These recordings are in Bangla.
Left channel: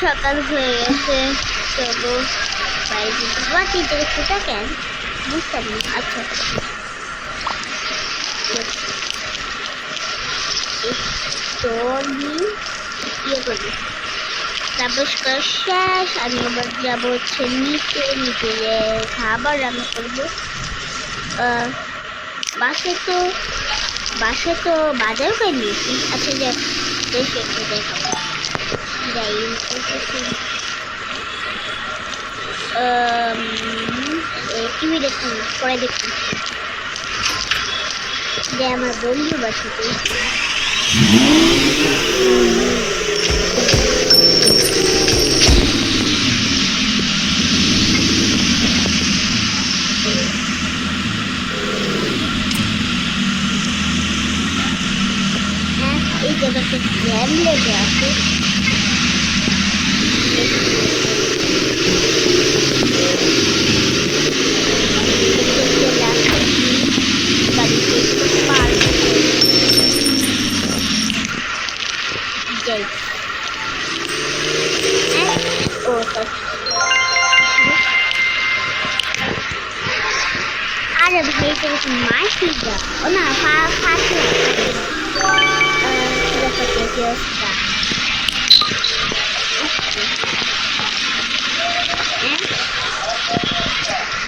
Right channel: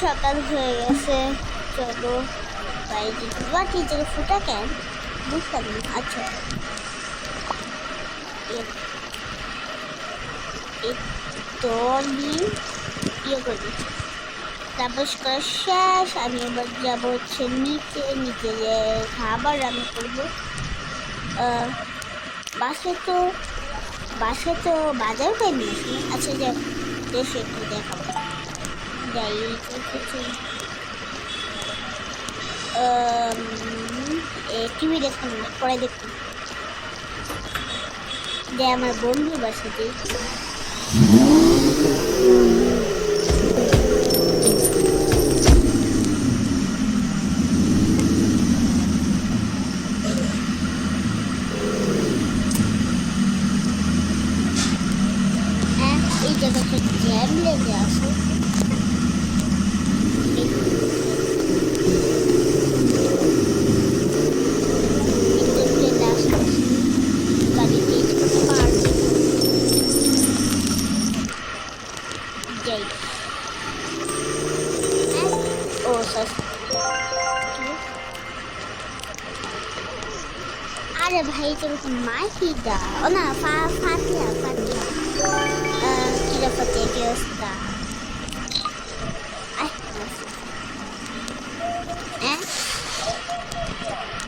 সকাল হয়ে গেছে, চলো বাইরে। বাকি যে ফুটা কেন বুঝলাম না। আচ্ছা তো আমি ইয়ে করি, তারপর শেষ। আমি আবার যাবো হচ্ছে নিচে যে খাবার রান্না করবো। বাসে তো বাজার করে নিয়েছি। আচ্ছা দেশে একটু দেখাবো, যাই টিভি দেখুন না, পরে দেখুন যে আমার বন্ধুর বাসাতে। আরে ভাই তুমি মাটি দাও না,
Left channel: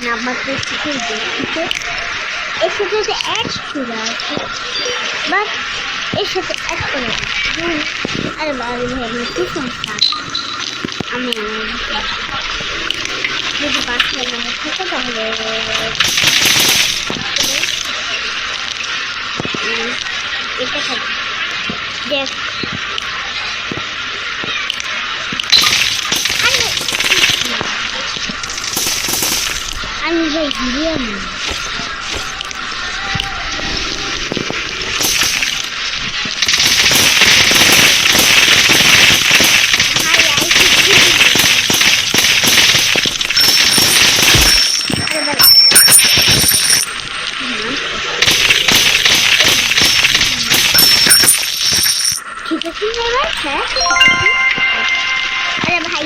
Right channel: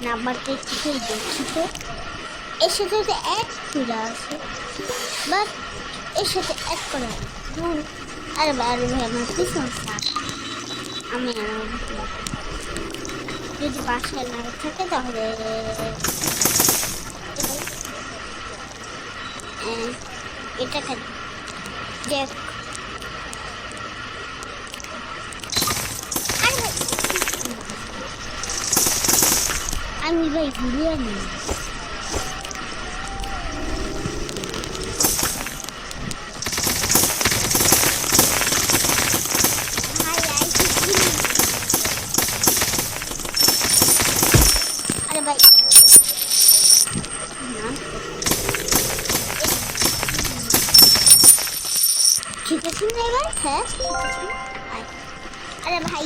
নাম্বারটি কিছুই দেখছি। এর সাথে তো এক খুলে আছে, বাট এর সাথে এক করে। আরে বারো ভাই আমার কি সমস্যা, আমি যদি বাসায় না থাকে তাহলে এটা খাবো। দেখ আমি ভাই বিরিয়ানি ঠিক আছে এবার। হ্যাঁ আরে ভাই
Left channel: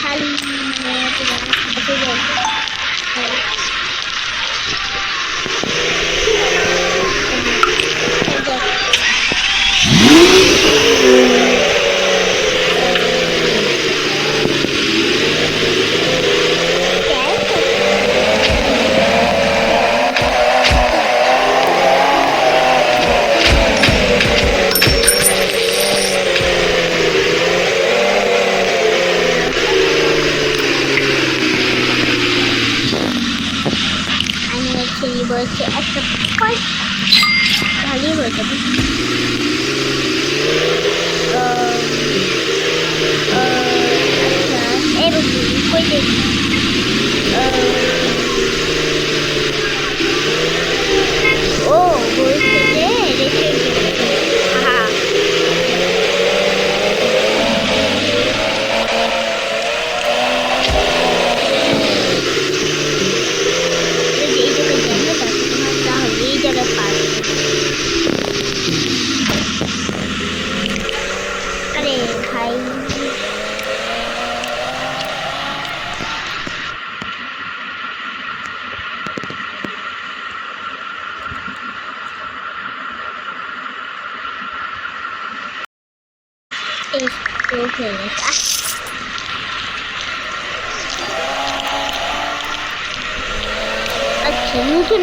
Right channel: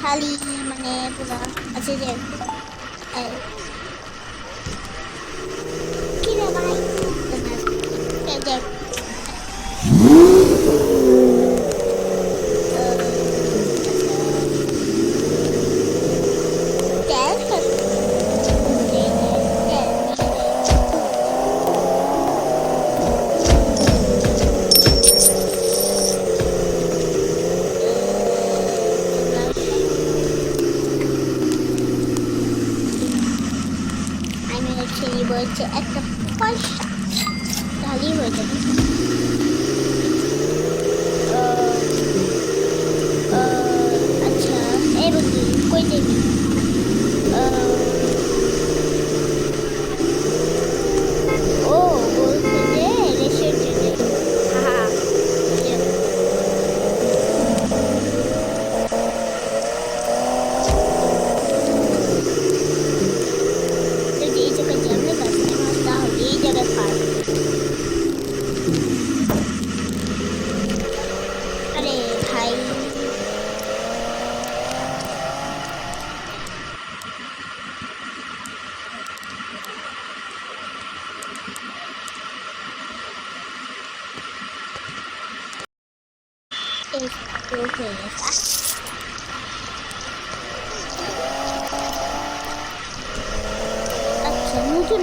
খালি একটা পয়সা ভালোই হয়ে যাবে।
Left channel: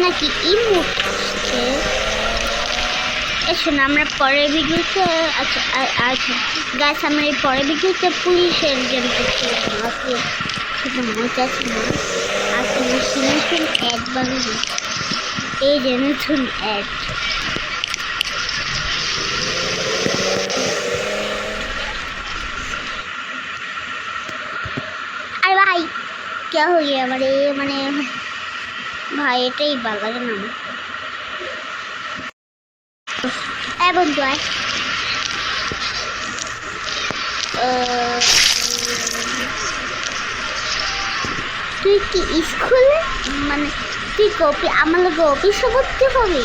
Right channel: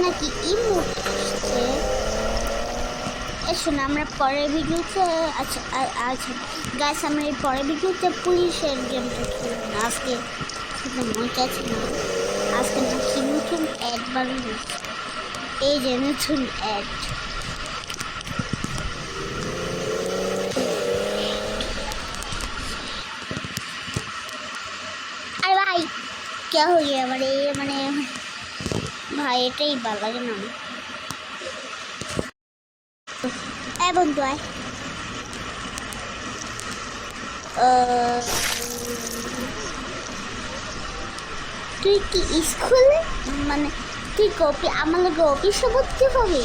নাকি শোনো আমরা পরের ভিডিওতে আচ্ছা গাছ আমরা এই পরের ভিডিওতে পুলিশের গেমটা খেলবো। আজকে সেটা মজা ছিল। আজকে নতুন অ্যাড বানাবো, এই যে নতুন অ্যাড। আর ভাই কে হইয়া মানে ভাই এটাই ভালো লাগে না বন্ধু। তুই কি স্কুলে মানে তুই কপি আমার লোক অফিসে করতে পারবি?